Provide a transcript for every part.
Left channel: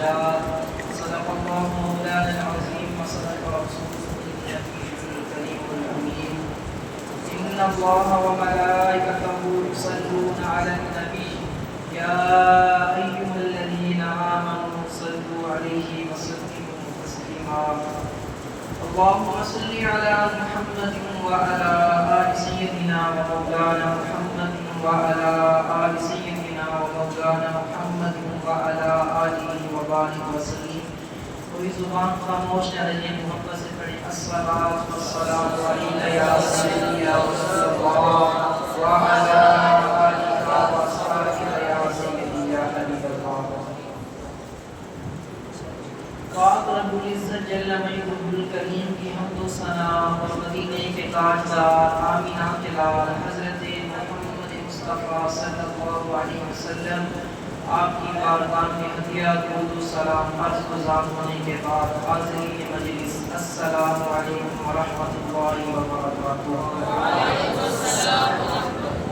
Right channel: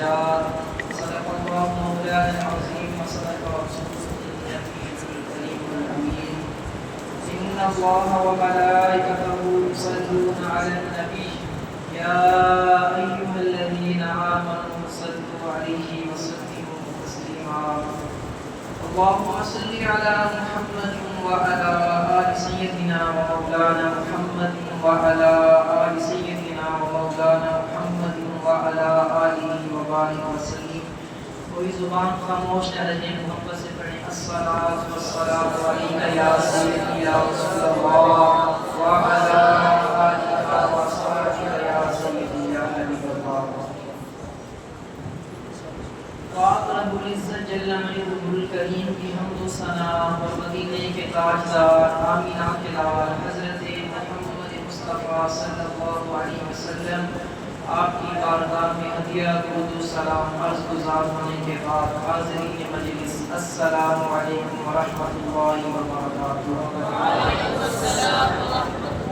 الدرجات. صدق الله مولانا العظيم وصدق رسوله النبي الكريم الأمين. إن الله وملائكته يصلون على النبي يا أيها الذين آمنوا صلوا عليه وسلموا تسليما. اللهم صل على محمد وعلى آل سيدنا ومولانا محمد وعلى آل سيدنا ومولانا محمد وعلى آله وبارك وسلم. کوئی زبان خاموش نہ رہے، محبت سے پڑھیں الصلاۃ والسلام علیک یا سیدی یا رسول اللہ وعلى آلہ وصحبہ یا سیدی یا حبیب اللہ. پاک رب العزت جل مجدہ الکریم کی حمد و ثنا اور مدینے کے تاجدار آمینہ کے لال حضرت محمد مصطفیٰ صلی اللہ علیہ وسلم آپ کی بارگاہ میں ہدیہ درود و سلام عرض گزار ہونے کے بعد حاضرین مجلس السلام علیکم ورحمۃ اللہ وبرکاتہ. وعلیکم السلام ورحمۃ اللہ.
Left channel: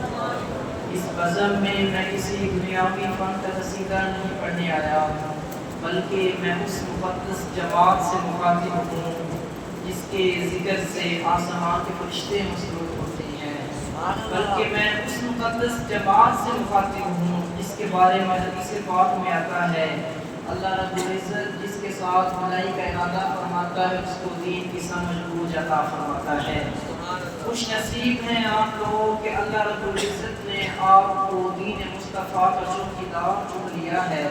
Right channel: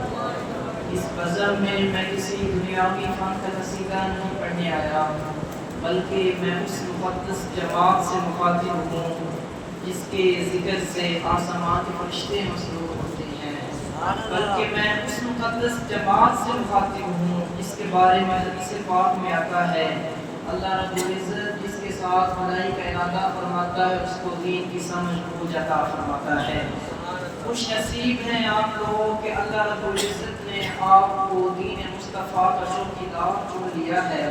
اس بزم میں کسی دنیاوی فن کا قصیدہ نہیں پڑھنے آیا، بلکہ میں اس مقدس جماعت سے مخاطب ہوں جس کے ذکر سے آسمان کے فرشتے مسرور ہوتے ہیں، بلکہ میں اس مقدس جماعت سے مخاطب ہوں جس کے بارے میں حدیث پاک میں آتا ہے اللہ رب العزت جس کے ساتھ بھلائی کا ارادہ فرماتا ہے اس کو دین کی سمجھ بوجھ عطا فرماتا ہے. خوش نصیب ہیں آپ لوگ کہ اللہ رب العزت نے آپ کو دین مصطفیٰ کا شوق کی دعوت چن لیا ہے.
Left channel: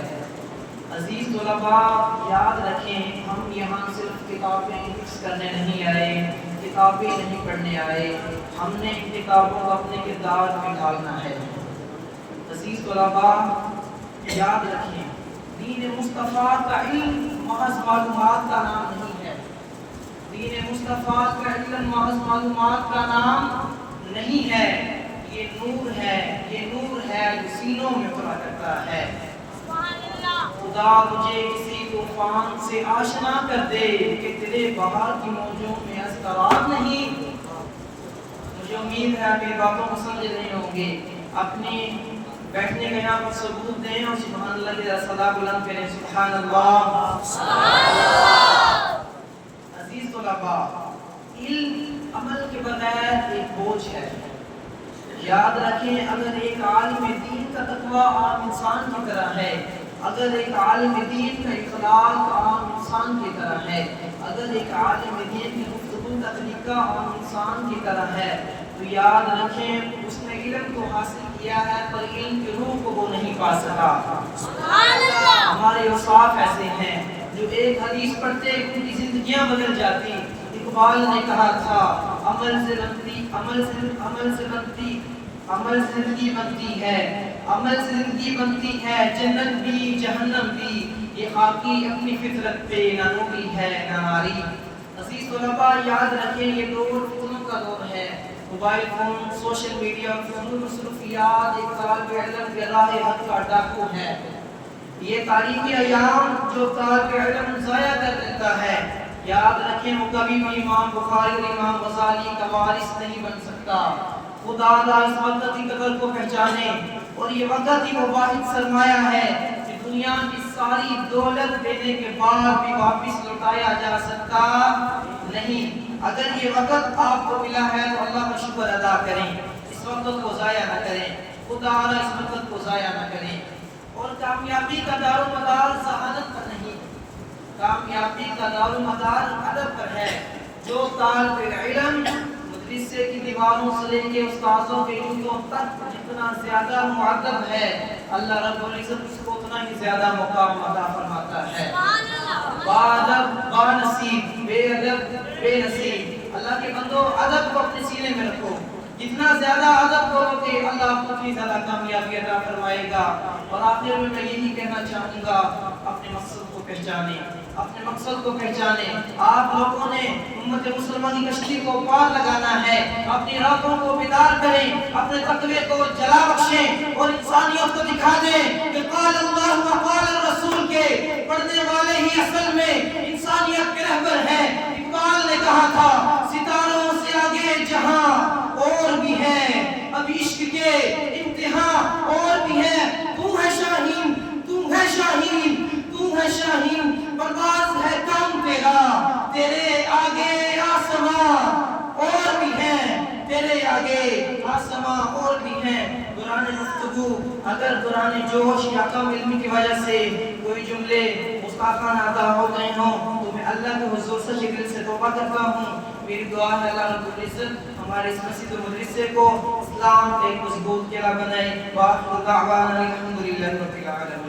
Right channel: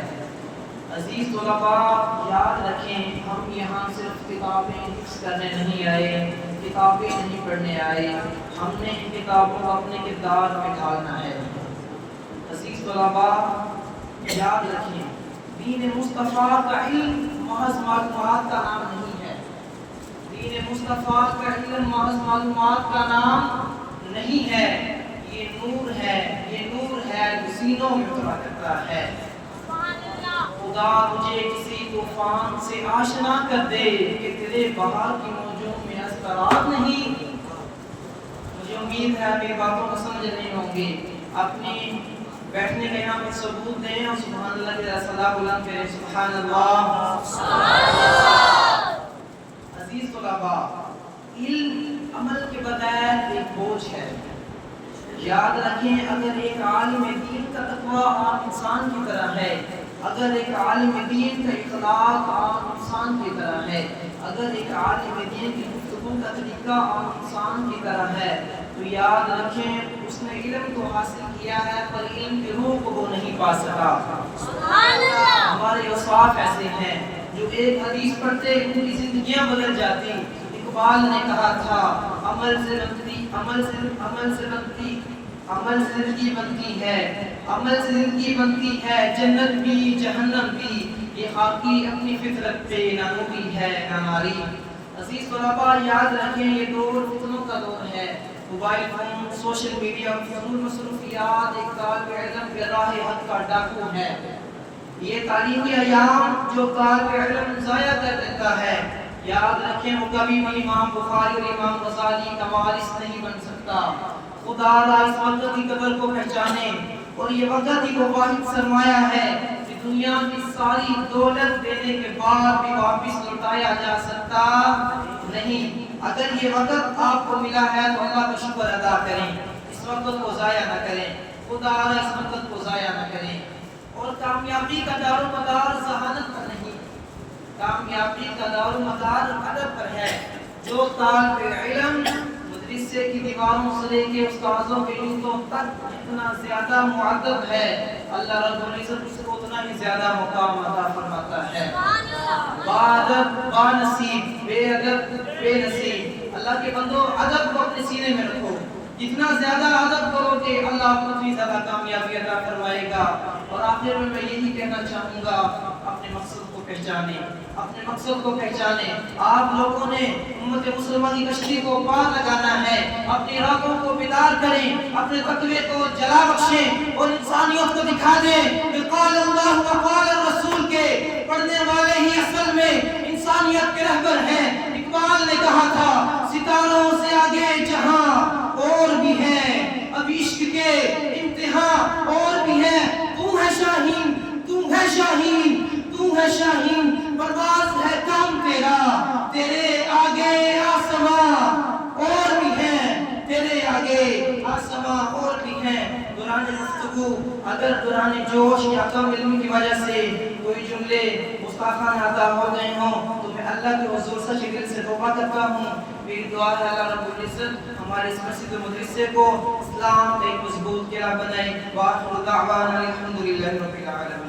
عزیز طلباء یاد رکھیں، ہم یہاں صرف کتابیں حفظ کرنے نہیں آئے، کتابیں نہیں پڑھنے آئے، ہم نے ان کتابوں کو اپنے کردار میں ڈالنا ہے. عزیز طلباء یاد رکھیں، دین مصطفیٰ کا علم محض معلومات کا نام نہیں ہے. دین مصطفیٰ کا علم محض معلومات کا نام نہیں ہے، یہ نور ہے، یہ نور ہے جو سینوں میں اترا کرتا ہے. خدا مجھے کسی طوفان سے آشنا کر دے کہ تیرے بہار کی موجوں میں اضطراب نہیں. مجھے امید ہے آپ میری باتوں کو سمجھ رہے ہوں گے. اپنے بیٹھنے کا یہاں پر ثبوت دیں اور سبحان اللہ کی صدا بلند کریں. سبحان اللہ. عزیز طلباء، علم عمل کے بغیر ایک بوجھ ہے. یاد رکھیں، اگر ایک عالم دین کا تقویٰ عام انسان کی طرح ہے، اگر ایک عالم دین کا اخلاق عام انسان کی طرح ہے، اگر ایک عالم دین کی گفتگو کا طریقہ عام انسان کی طرح ہے، تو یاد رکھیں اس نے علم تو حاصل کیا ہے پر علم کی روح کو وہ نہیں پا سکا. ہمارے اوصاف ایسے ہیں جو ایک حدیث پڑھتے ان کی زندگیاں بدل جاتی. اقبال نے کہا تھا عمل سے زندگی بنتی ہے، عمل سے زندگی بنتی ہے، جنت بھی جہنم بھی، یہ خاکی اپنی فطرت پہ نہ نوری ہے نہ ناری. عزیز طلباء یاد رکھیں، یہ دور فتنوں کا دور ہے. موبائل فون، سوشل میڈیا اور فضول مصروفیات ایک طالب علم کے راہ حق کا ڈاکو ہے. یہ تعلیمی ایام جو طالب علم ضائع کر دیتا ہے، یاد رکھیں وہ کبھی بھی امام بخاری اور امام غزالی کا وارث نہیں بن سکتا. خدا اس وقت کی قدر کو پہچانے، اور یہ وقت ہی وہ واحد سرمایہ ہے کہ دنیا کی ساری دولت دینے کے بعد بھی واپس لوٹایا جا سکتا نہیں. اگر یہ وقت آپ کو ملا ہے تو اللہ کا شکر ادا کریں، اس وقت کو ضائع نہ کریں. خدا اس وقت کو ضائع نہ کریں. اور کامیابی کا دار و مدار ذہانت پر نہیں، کامیابی کا دار و مدار ادب پر ہے. جو طالب علم مدرسے کی دیواروں سے لے کے استاذوں کے جوتوں تک جتنا زیادہ مؤدب ہے، اللہ رب العزت اس کو اتنا ہی زیادہ مقام عطا فرماتا ہے. بادب بانصیب، بے ادب بے نصیب. اللہ کے بندو ادب کو اپنے سینے میں رکھو. جتنا زیادہ ادب کرو گے اللہ آپ کو اتنی زیادہ کامیابی عطا فرمائے گا. اور آخر میں یہی کہنا چاہوں گا، اپنے مقصد کو پہچانیں، اپنے مقصد کو پہچانیں. آپ لوگوں نے امت مسلمہ کی کشتی کو پار لگانا ہے. اپنی راتوں کو بیدار کریں، اپنے تقوی کو جلا بخشیں اور انسانیت کو دکھا دیں کہ قال اللہ و قال الرسول کے پڑھنے والے ہی اصل میں انسانیت کے رہبر ہیں. اقبال نے کہا تھا ستاروں سے آگے جہاں اور بھی ہے، اب عشق کے امتحان اور بھی ہے. تو ہے شاہین، تو ہے شاہین، تو ہے شاہین. تمام اور بھی ہیں دوران گفتگو اگر دوران جوش یا کم علم کی وجہ سے کوئی جملے گستاخانہ ادا ہو گئے ہوں تو میں اللہ کے حضور سے دل سے توبہ کرتا ہوں. میری دعا ہے اللہ رب العزت ہمارے اس مسجد و مدرسے کو اسلام ایک مضبوط قلعہ بنائے. وآخر دعوانا الحمدللہ رب العالمین.